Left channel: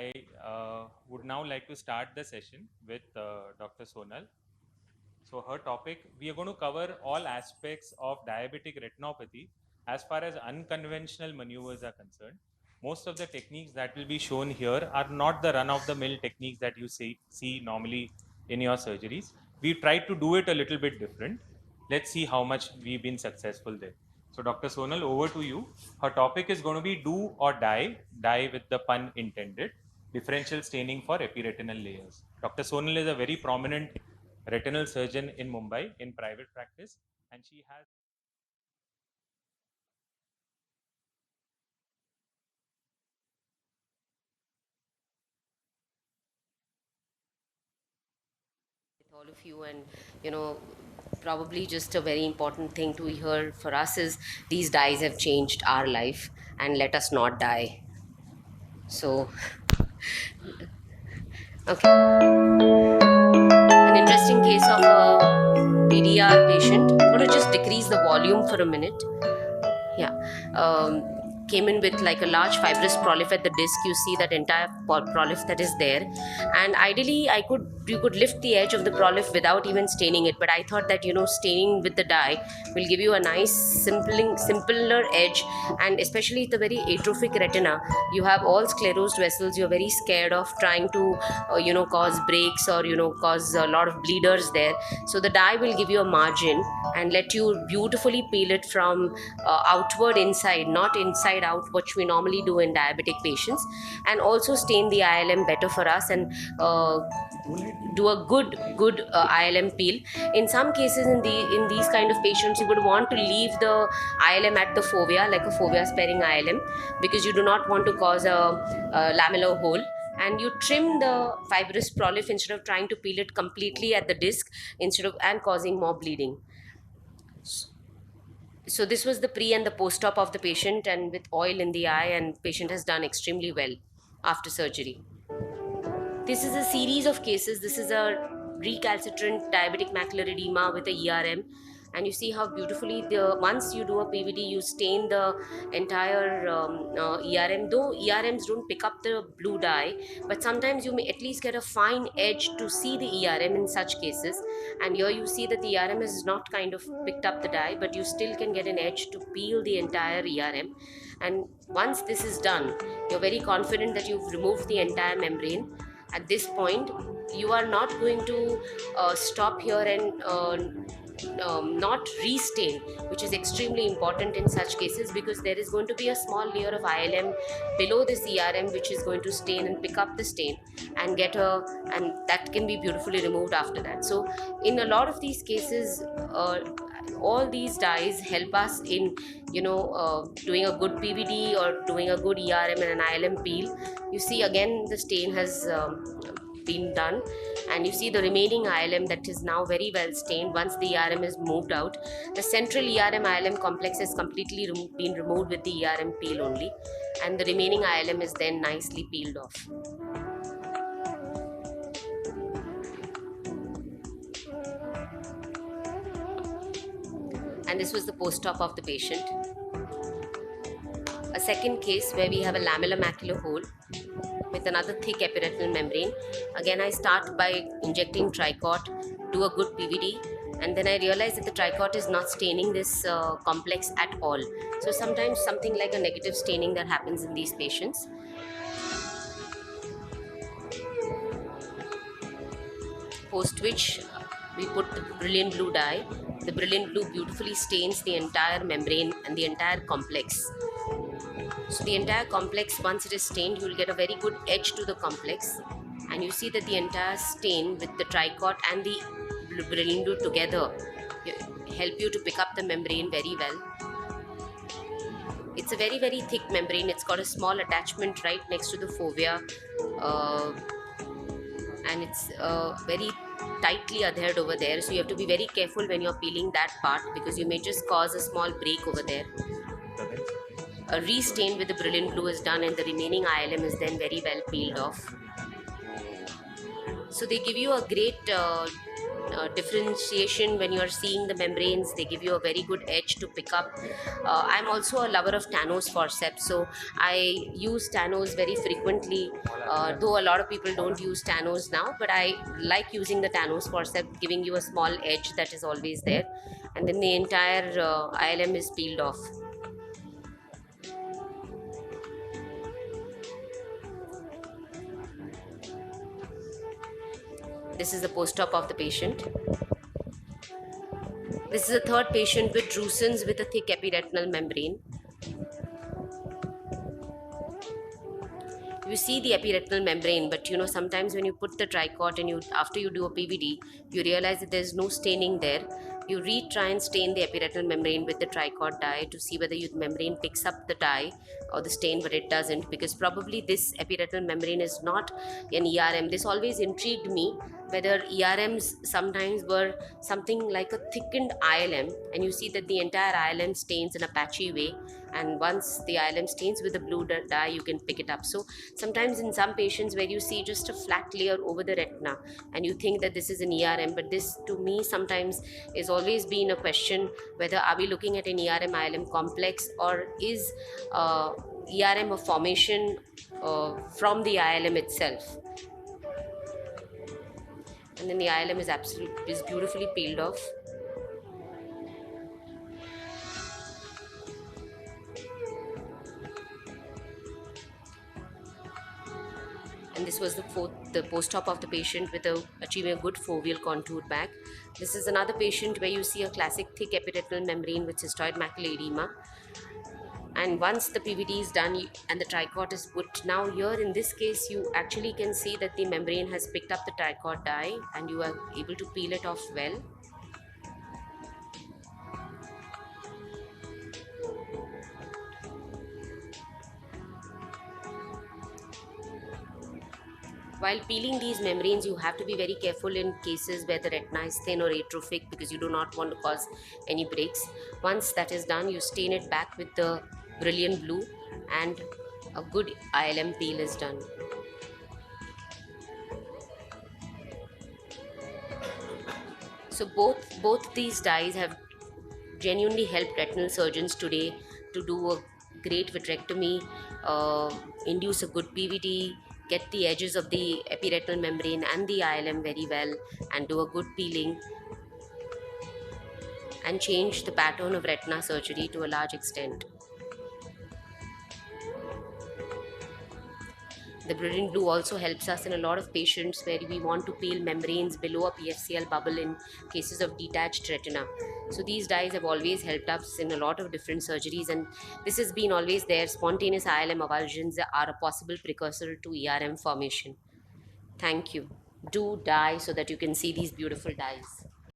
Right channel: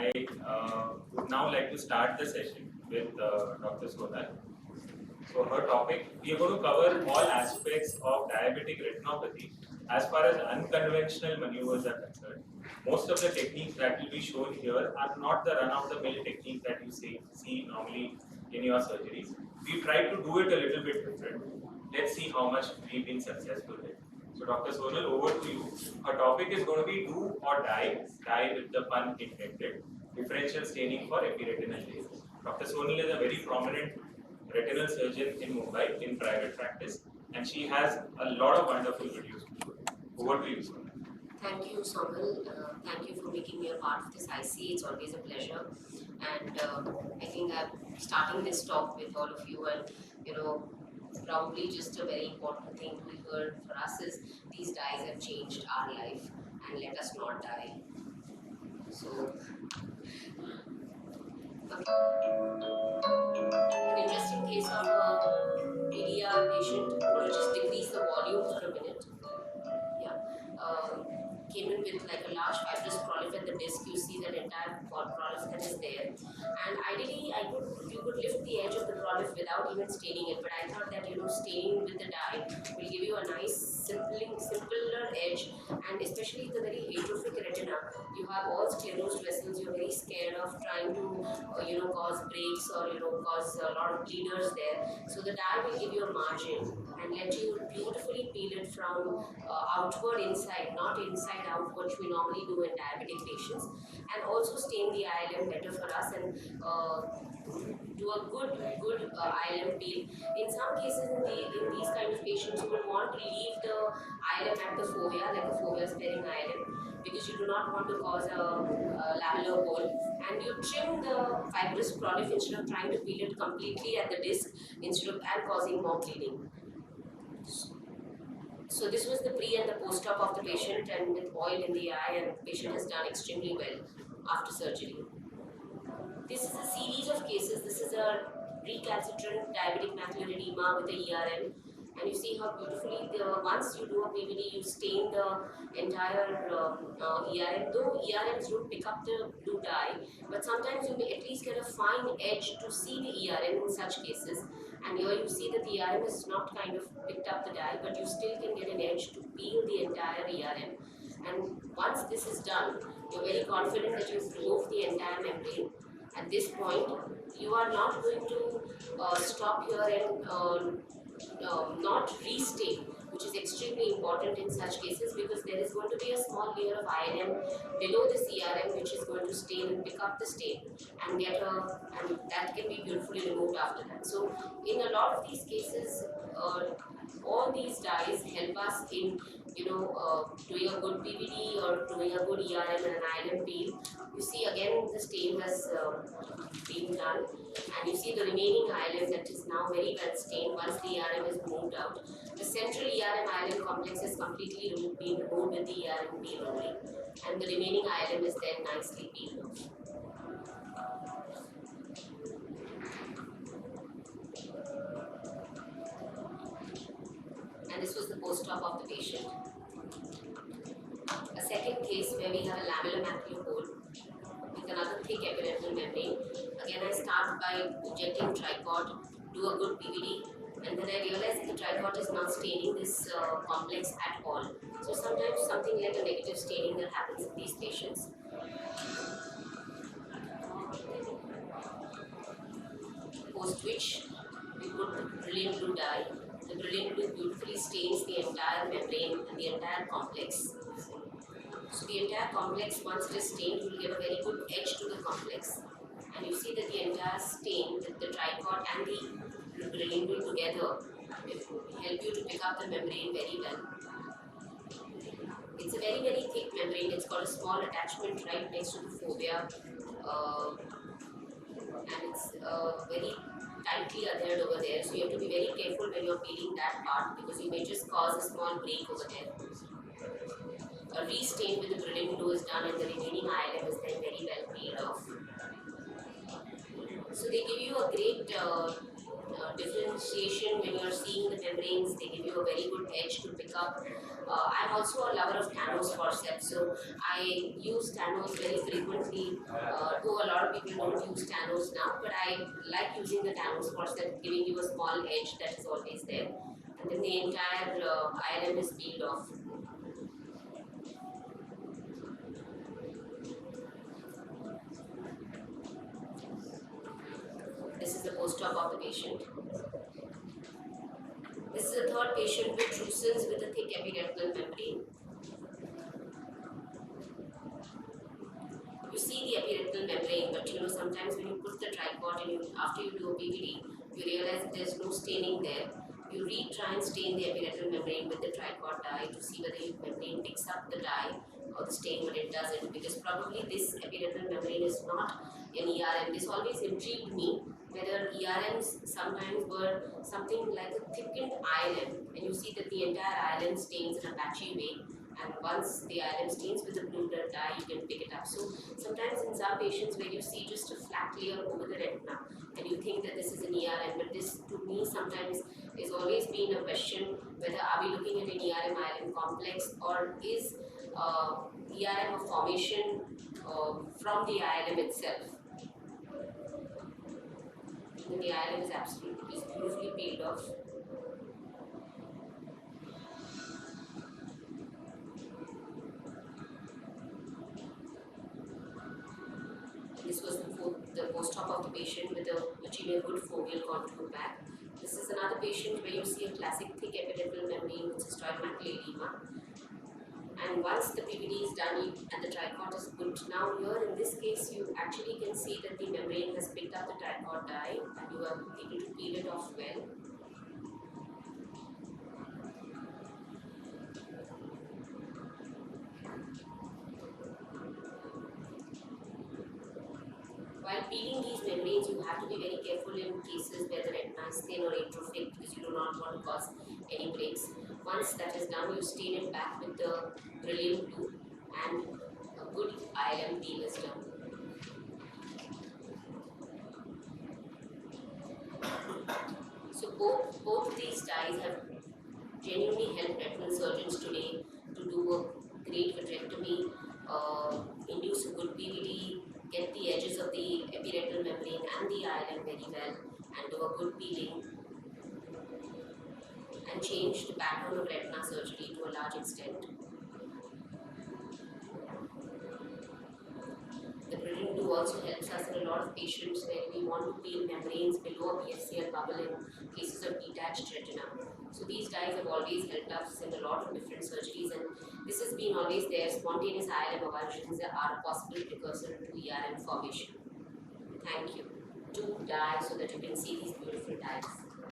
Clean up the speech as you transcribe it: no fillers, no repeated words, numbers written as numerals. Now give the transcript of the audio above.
I would now like to start the session with Dr. Sonal. So her topic, we are going to cover all aspects of diabetic retinopathy as far as unconventional maneuvers are concerned. Most of the techniques that will be shown here are not the run-of-the-mill techniques that you see normally in your surgeries. We've tried to do it a little bit different. Let's see how much we've been successful there. So Dr. Sonal, over to you. Her topic is going to be do or die with the pun intended, differential staining for epiretinal layers. Dr. Sonal is a very prominent retinal surgeon in Mumbai in private practice, and she has a lot of wonderful videos to show. Over to you, Sonal. Thank you, Sonal. Thank you for making me a part of this IC. It's always a pleasure. And I think I'm starting this talk with all of you, and probably just a very important thing to hear for us is these dyes have changed our life, and let us not die. So, okay. An interesting case of a PDR patient. I'm going to just decrease the volume for a minute. Yeah. Came in with like a large fibrous polyp at the disc. You see that entire polyp that is there, and ideally you could lift the edge of the polyp without even staining it, but I thought that staining with the dye will give you a nice simpler edge, and especially the very atrophic retina, you have all sclerosed vessels, you're very scared of trying to cause breaks or cause a lot of bleeders there. So the dye will give you a margin and let you beautifully peel it from outward inside, not inside out, which we normally do in diabetic patients, and also stain the ILM better for us, and do a good ILM peel. In some cases, in these kind of patients, you would want to leave the ILM at the fovea, like a fovea sparing ILM, because you do not want to cause a lamellar hole, and you trim the fibrous polyp instead of trying to peel it completely at the disc and causing more bleeding. So this was the pre and the post-op of the patient, and with oil in the eye, and patient has done extremely well after surgery. This is a series of cases. This is a recalcitrant diabetic macular edema with a ERM, and you see how beautifully once you do a PVD, you stain the entire ERM. Though ERMs don't pick up the blue dye, but sometimes you may at least get a fine edge to see the ERM in such cases. And here you see that the ERM has not kind of picked up the dye, but you still can get an edge to peel the entire ERM. And once this is done, you're very confident that you've removed the entire membrane. At this point, you are not going to stop here and not restain, which is extremely important in such cases, because there is going to be a small layer of ILM below this ERM which is going to stain and pick up the stain and and that can be beautifully removed after that. So in a lot of these cases, all these dyes help us in doing a good PVD or doing a good ERM and an ILM peel. You see again the stain has been done, and you see the remaining ILM that is now very well stained. Once the ERM is moved out, the central ERM ILM complex has completely been removed with the ERM peel only, and the remaining ILM is then nicely peeled off. And this was the post-op of the patient. A second case where we have a lamellar macular hole with another thick epiretinal membrane. Again, I start by injecting tricot, do a good PVD, and then I realize that the tricot is not staining this complex at all. So sometimes something like a negative staining that happens in these patients. Post which we put the brilliant blue dye. The brilliant blue beautifully stains the entire membrane and the entire complex. So the entire complex, once it is stained, you will get a very good edge to the complex, and you see that the entire stain with the tricot and the brilliant blue together help you to pick up the membrane very well. It's a very, very thick membrane. It's got a small attachment right next to the fovea, and it's very tightly adhered over there, so you have to be very careful when you're peeling that part, because you may just cause a small break over there. A restain with the brilliant blue is done, and the remaining ILM is then very well peeled off. So they give you a great differentiation when you are seeing the membranes. They give you a very good edge to pick up. I'm also a lover of Tanno's forceps, so I use Tanno's very frequently, though a lot of people don't use Tanno's now, but I like using the Tanno's forceps, giving you a small edge that is always there, and then the entire ILM is peeled off. This is the post-op of the patient. This is a third patient with drusen's with a thick epiretinal membrane. You see the epiretinal membrane, but sometimes when you put the tricot and after you do a PVD, you realize that there is no staining there. You try and stain the epiretinal membrane with the tricot dye to see whether your membrane picks up the dye or the stain, but it doesn't, because probably this epiretinal membrane is not an ERM. This always intrigued me, whether ERMs sometimes were something like a thickened ILM, and you see that the entire ILM stains in a patchy way, and once the ILM stains with the blue dye, you can pick it up. So sometimes in some patients where you see just a flat layer over the retina and you think that this is an ERM, but this to me sometimes is always been a question whether are we looking at an ERM ILM complex, or is ERM a formation from the ILM itself. And then the ILM is beautifully peeled off. And this was the post-op of the patient with achieving a good foveal contour back. This is another patient where you see a classic thick epiretinal membrane with cystoid macular edema. And once the PVD is done and the tricot is put, now here in this case you actually can see that the membrane has picked up the tricot dye and you are able to peel it off well. While peeling these membranes, you have to be very careful in cases where the retina is thin or atrophic, because you do not want to cause any breaks. Once that is done, you stain it back with the brilliant blue and a good ILM peel is done. So both these dyes have genuinely helped retinal surgeons today to do a great vitrectomy, induce a good PVD, get the edges of the epiretinal membrane and the ILM very well, and do a good peeling and change the pattern of retina surgery to a large extent. The brilliant blue also helps us in a lot of patients where we want to peel membranes below a PFCL bubble in cases of detached retina. So these dyes have always helped us in a lot of different surgeries, and this has been always there. Spontaneous ILM avulsions are a possible precursor to ERM formation. Thank you. Do dye so that you can see these beautiful dyes.